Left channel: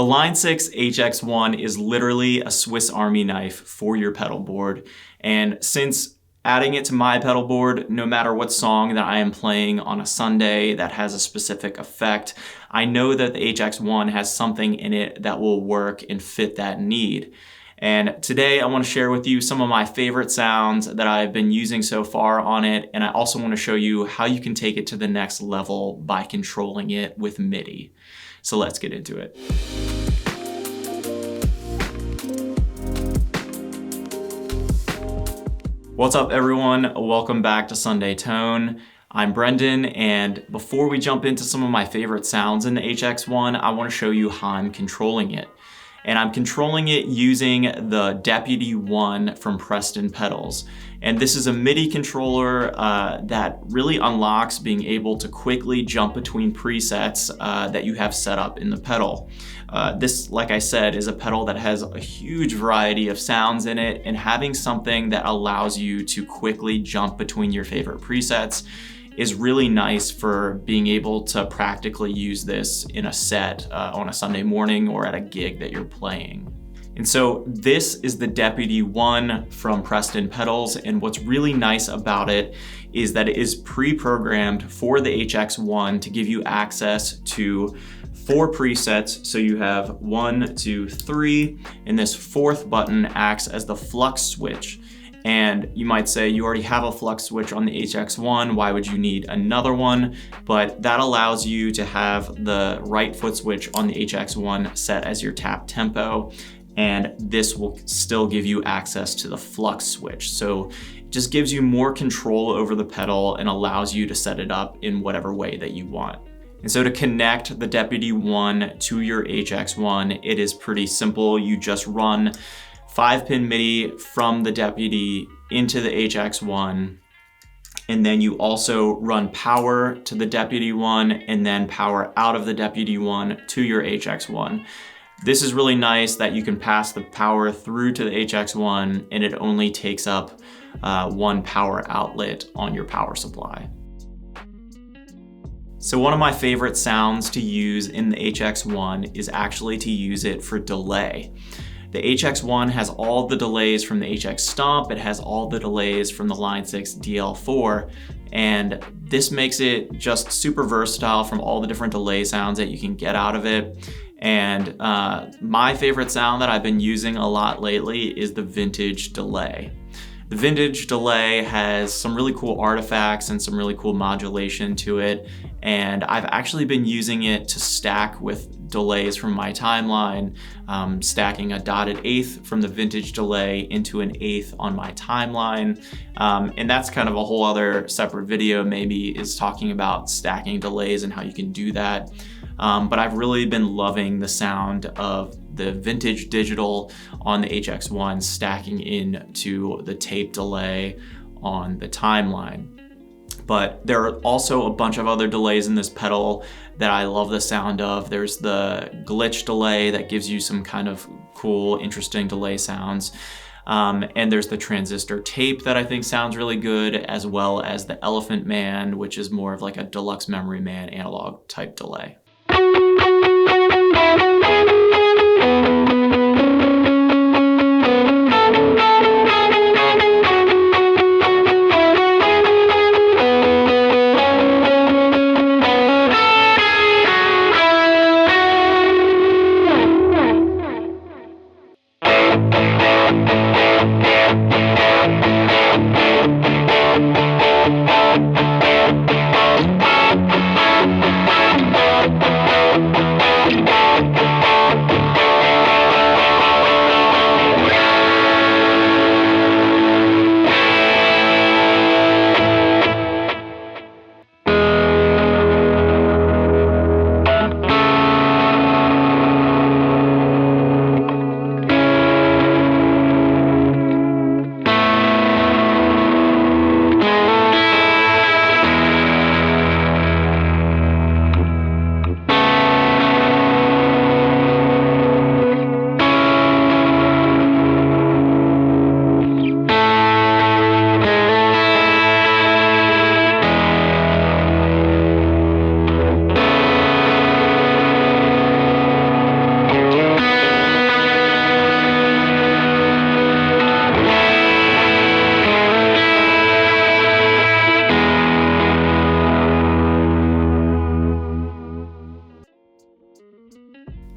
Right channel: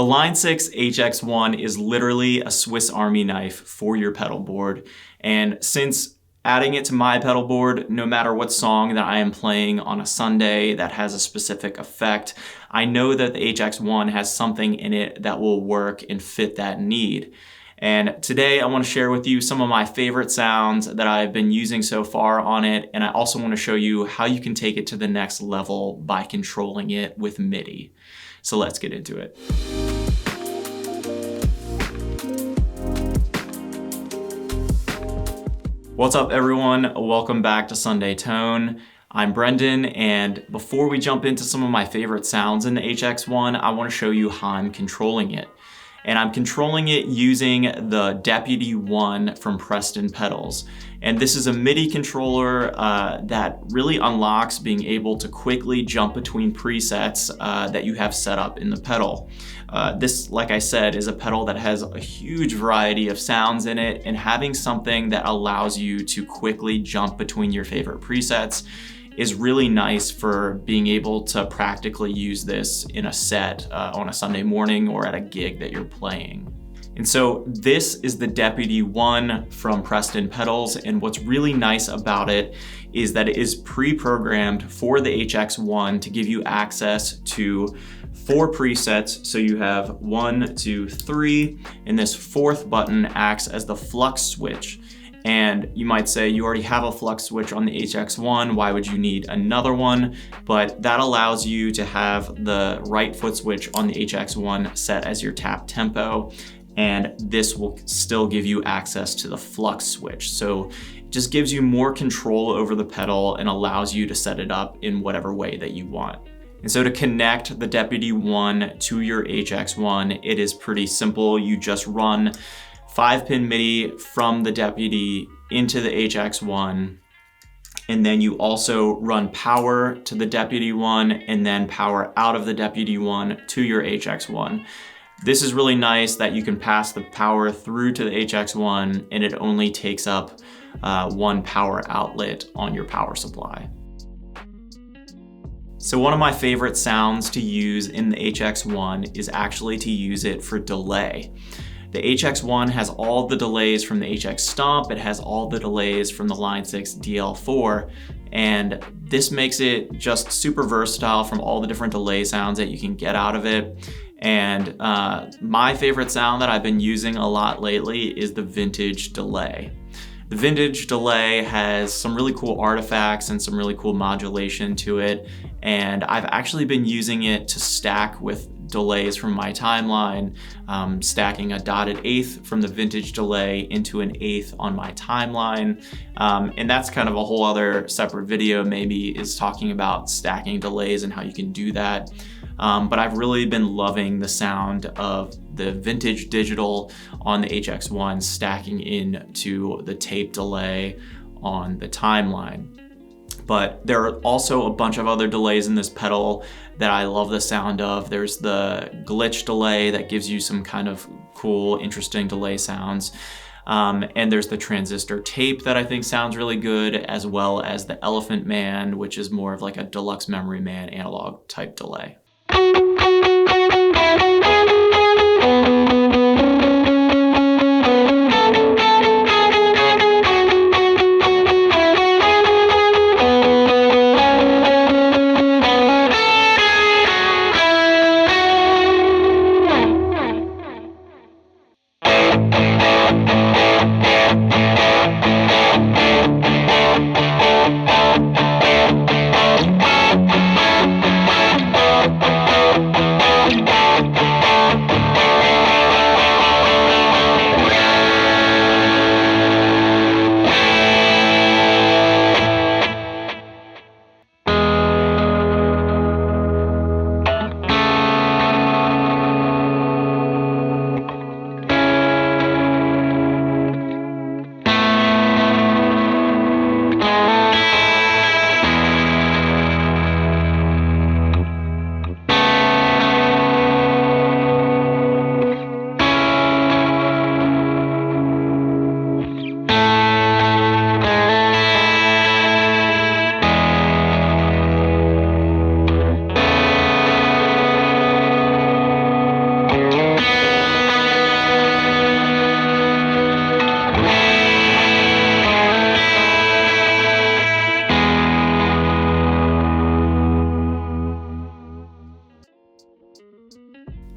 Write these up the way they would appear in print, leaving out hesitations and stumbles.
The Line 6 HX1 is literally a Swiss Army knife for your pedal board. And since adding it to my pedal board, no matter what song that I am playing on a Sunday that has a specific effect, I know that the HX1 has something in it that will work and fit that need. And today I want to share with you some of my favorite sounds that I've been using so far on it. And I also want to show you how you can take it to the next level by controlling it with Midi. So let's get into it. What's up everyone? Welcome back to Sunday Tone. I'm Brendan, and before we jump into some of my favorite sounds in the HX1, I want to show you how I'm controlling it. And I'm controlling it using the Deputy 1 from Preston Pedals. And this is a MIDI controller that really unlocks being able to quickly jump between presets that you have set up in the pedal. This, like I said, is a pedal that has a huge variety of sounds in it, and having something that allows you to quickly jump between your favorite presets is really nice for being able to practically use this in a set on a Sunday morning or at a gig that you're playing. And so this is the Deputy 1 from Preston Pedals, and what's really nice about it is that it is pre-programmed for the HX1 to give you access to 4 presets. So you have 1, 2, 3, and this 4th button acts as the flux switch. And you might say you already have a flux switch on the HX1, why would you need another one? But that allows you to have the right foot switch on the HX1 set as your tap tempo, and this will still give you access to the flux switch. So it just gives you more control over the pedal and allows you to set it up in whatever way that you want. And so to connect the Deputy 1 to your HX1, it is pretty simple. You just run 5-pin MIDI from the Deputy into the HX1, and then you also run power to the Deputy 1 and then power out of the Deputy 1 to your HX1. This is really nice that you can pass the power through to the HX1 and it only takes up one power outlet on your power supply. So one of my favorite sounds to use in the HX1 is actually to use it for delay. The HX1 has all the delays from the HX Stomp, it has all the delays from the Line 6 DL4, and this makes it just super versatile from all the different delay sounds that you can get out of it. And my favorite sound that I've been using a lot lately is the vintage delay. The vintage delay has some really cool artifacts and some really cool modulation to it, and I've actually been using it to stack with delays from my timeline, stacking a dotted eighth from the vintage delay into an eighth on my timeline. And that's kind of a whole other separate video maybe, is talking about stacking delays and how you can do that. But I've really been loving the sound of the vintage digital on the HX1 stacking into the tape delay on the timeline. But there are also a bunch of other delays in this pedal that I love the sound of. There's the glitch delay that gives you some kind of cool, interesting delay sounds. And there's the transistor tape that I think sounds really good, as well as the Elephant Man, which is more of like a Deluxe Memory Man analog type delay.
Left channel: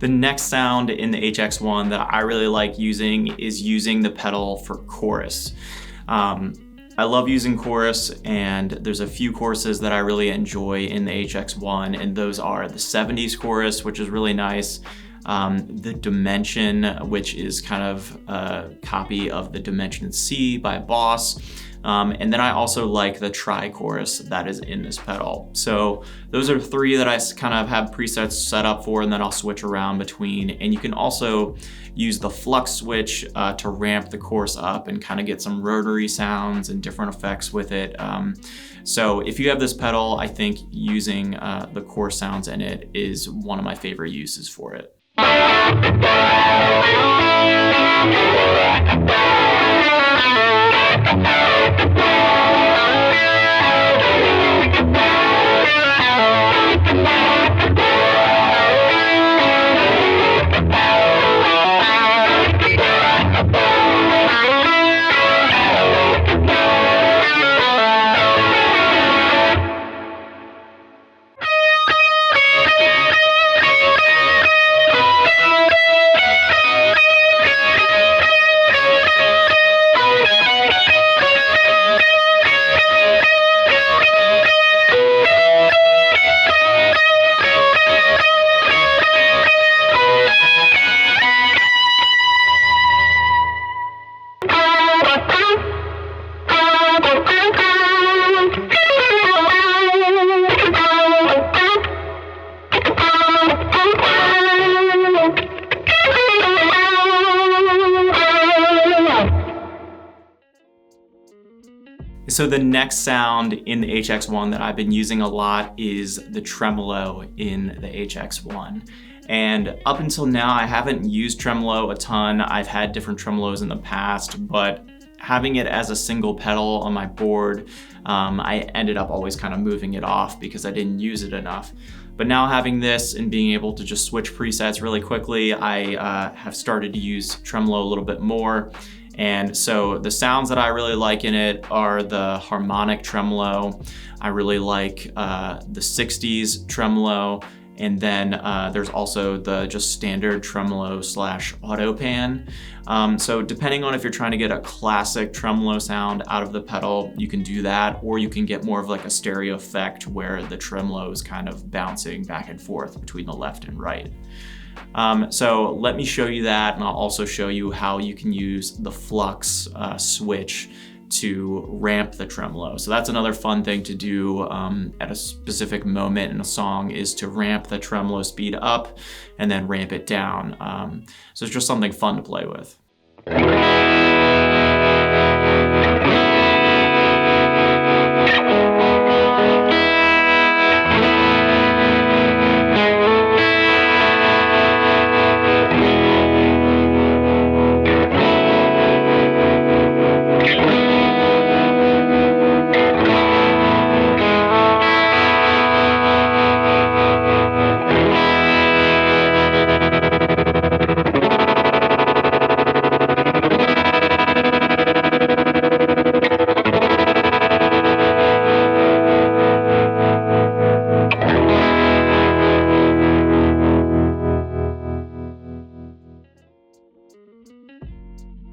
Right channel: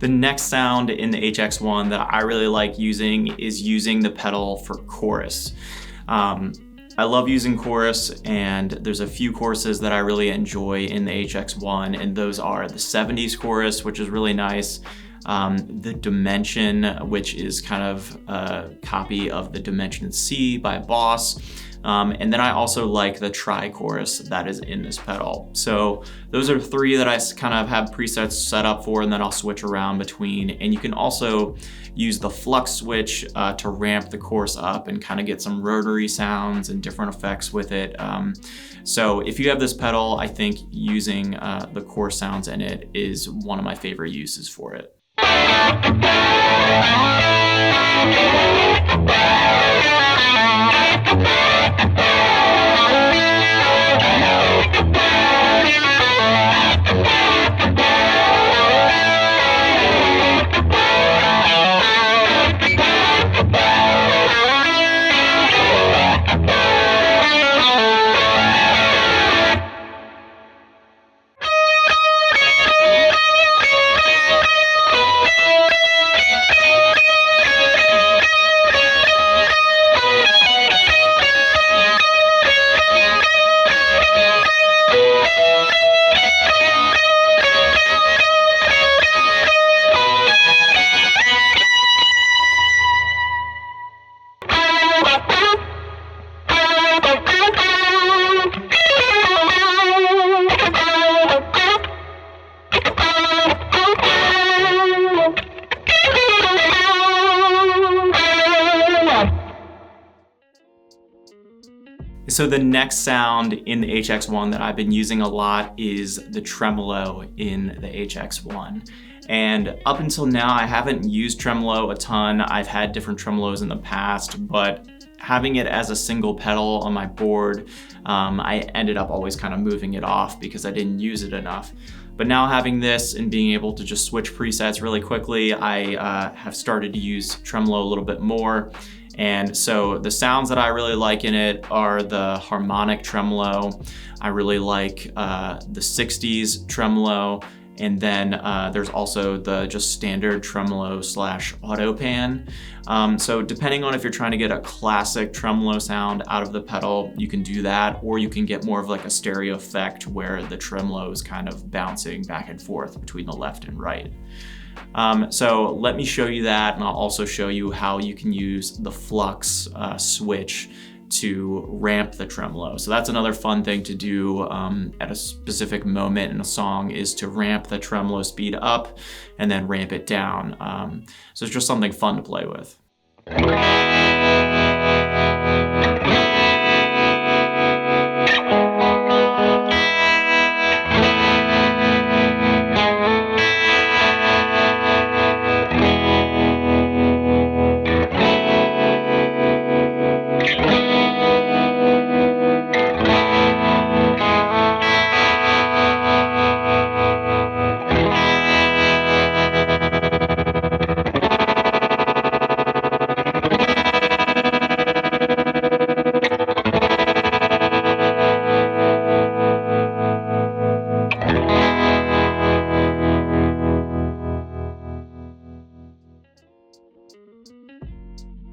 The next sound in the HX1 that I really like using is using the pedal for chorus. I love using chorus, and there's a few choruses that I really enjoy in the HX1, and those are the 70s chorus, which is really nice, the Dimension, which is kind of a copy of the Dimension C by Boss. And then I also like the tri-chorus that is in this pedal. So those are three that I kind of have presets set up for, and then I'll switch around between. And you can also use the flux switch to ramp the chorus up and kind of get some rotary sounds and different effects with it. So if you have this pedal, I think using the chorus sounds in it is one of my favorite uses for it. So the next sound in the HX1 that I've been using a lot is the tremolo in the HX1. And up until now, I haven't used tremolo a ton. I've had different tremolos in the past, but having it as a single pedal on my board, I ended up always kind of moving it off because I didn't use it enough. But now having this and being able to just switch presets really quickly, I have started to use tremolo a little bit more. And so the sounds that I really like in it are the harmonic tremolo. I really like the 60s tremolo. And then there's also the just standard tremolo / auto pan. So depending on if you're trying to get a classic tremolo sound out of the pedal, you can do that, or you can get more of like a stereo effect where the tremolo is kind of bouncing back and forth between the left and right. So let me show you that, and I'll also show you how you can use the flux switch to ramp the tremolo. So that's another fun thing to do at a specific moment in a song, is to ramp the tremolo speed up and then ramp it down. So it's just something fun to play with.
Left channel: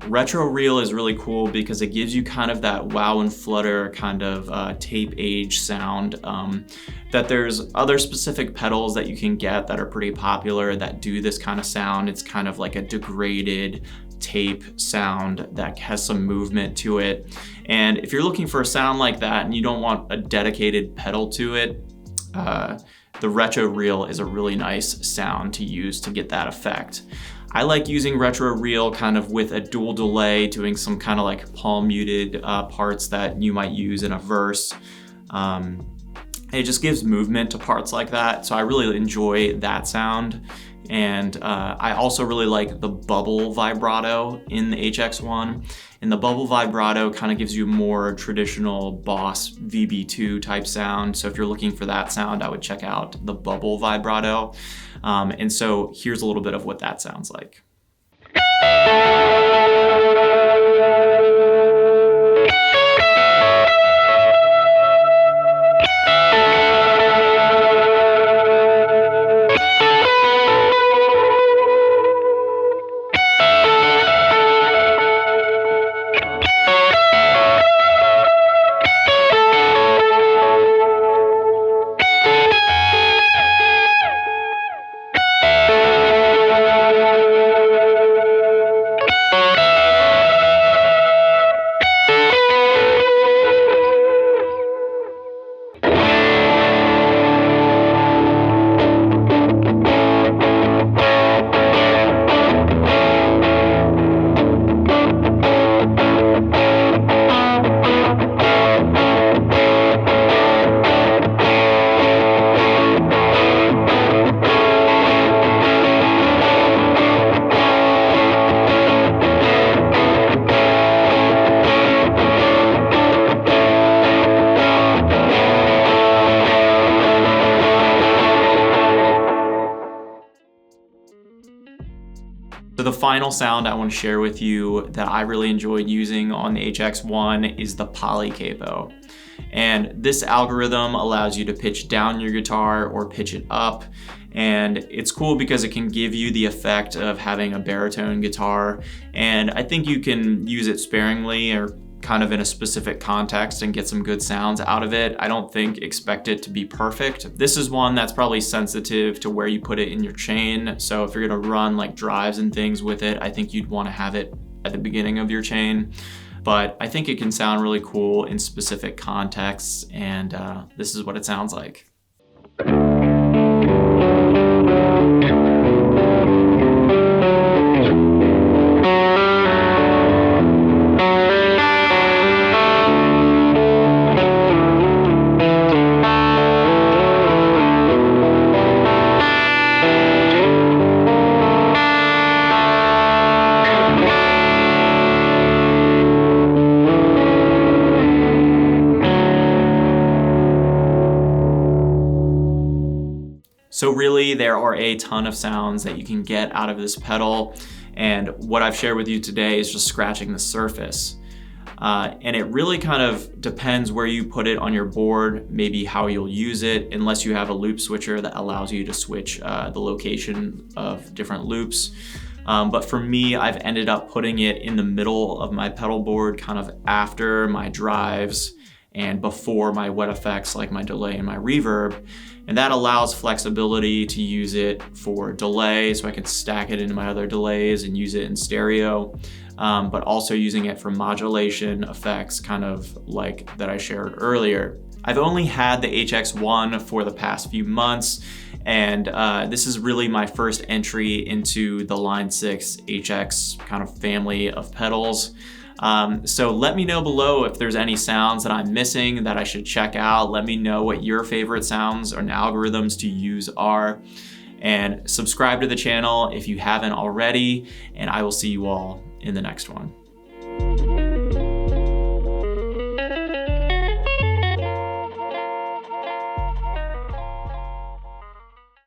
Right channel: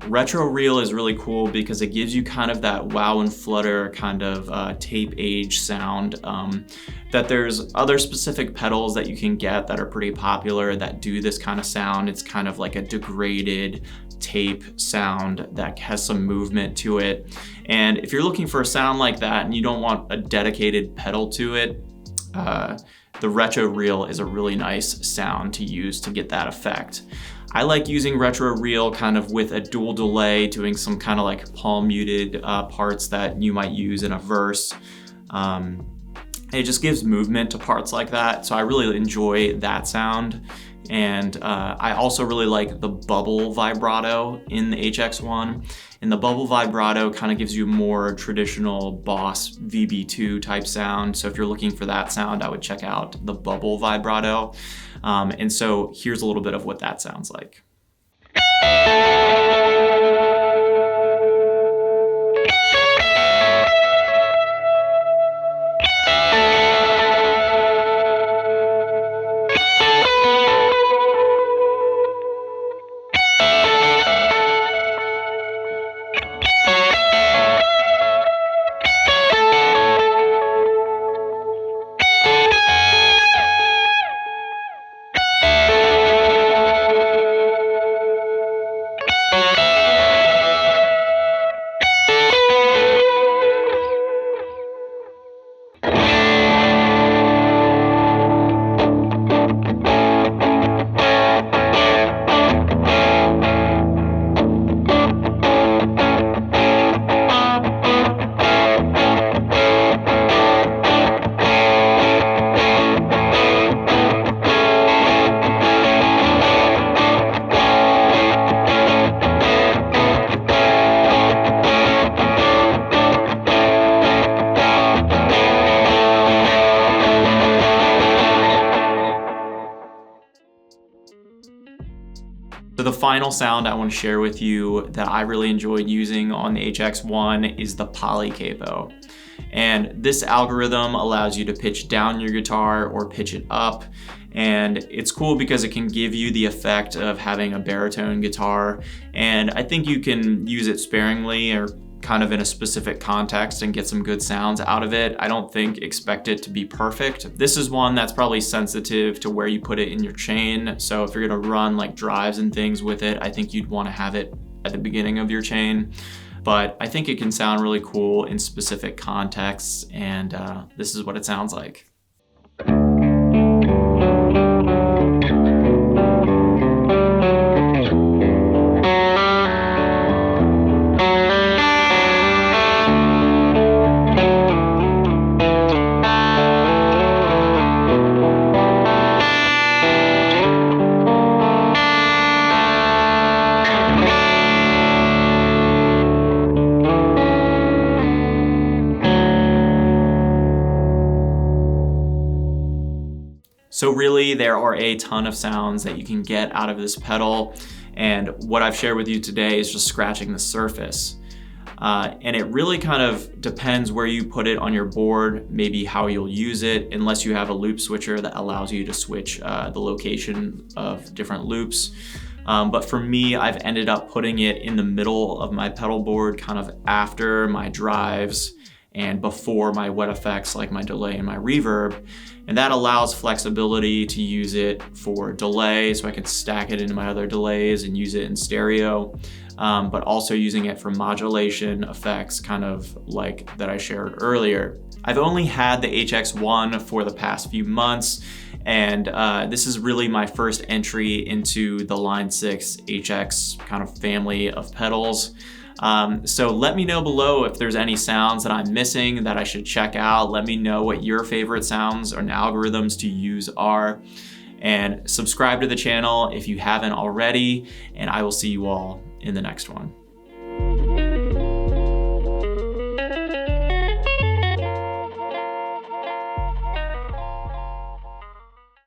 Retro reel is really cool because it gives you kind of that wow and flutter kind of tape age sound. That there's other specific pedals that you can get that are pretty popular that do this kind of sound. It's kind of like a degraded tape sound that has some movement to it. And if you're looking for a sound like that and you don't want a dedicated pedal to it, the retro reel is a really nice sound to use to get that effect. I like using retro reel kind of with a dual delay, doing some kind of like palm muted parts that you might use in a verse. It just gives movement to parts like that, so I really enjoy that sound. And I also really like the bubble vibrato in the HX1. And the bubble vibrato kind of gives you more traditional Boss VB2 type sound. So if you're looking for that sound, I would check out the bubble vibrato. And so here's a little bit of what that sounds like. So the final sound I want to share with you that I really enjoyed using on the HX1 is the poly capo. And this algorithm allows you to pitch down your guitar or pitch it up. And it's cool because it can give you the effect of having a baritone guitar. And I think you can use it sparingly or kind of in a specific context and get some good sounds out of it. I don't expect it to be perfect. This is one that's probably sensitive to where you put it in your chain. So if you're gonna run like drives and things with it, I think you'd wanna have it at the beginning of your chain. But I think it can sound really cool in specific contexts, and this is what it sounds like. So really, there are a ton of sounds that you can get out of this pedal, and what I've shared with you today is just scratching the surface. And it really kind of depends where you put it on your board, maybe how you'll use it, unless you have a loop switcher that allows you to switch the location of different loops. But for me, I've ended up putting it in the middle of my pedal board, kind of after my drives and before my wet effects like my delay and my reverb. And that allows flexibility to use it for delay, so I can stack it into my other delays and use it in stereo, but also using it for modulation effects, kind of like that I shared earlier. I've only had the HX1 for the past few months, and this is really my first entry into the Line 6 HX kind of family of pedals. So let me know below if there's any sounds that I'm missing that I should check out. Let me know what your favorite sounds and algorithms to use are. And subscribe to the channel if you haven't already, and I will see you all in the next one.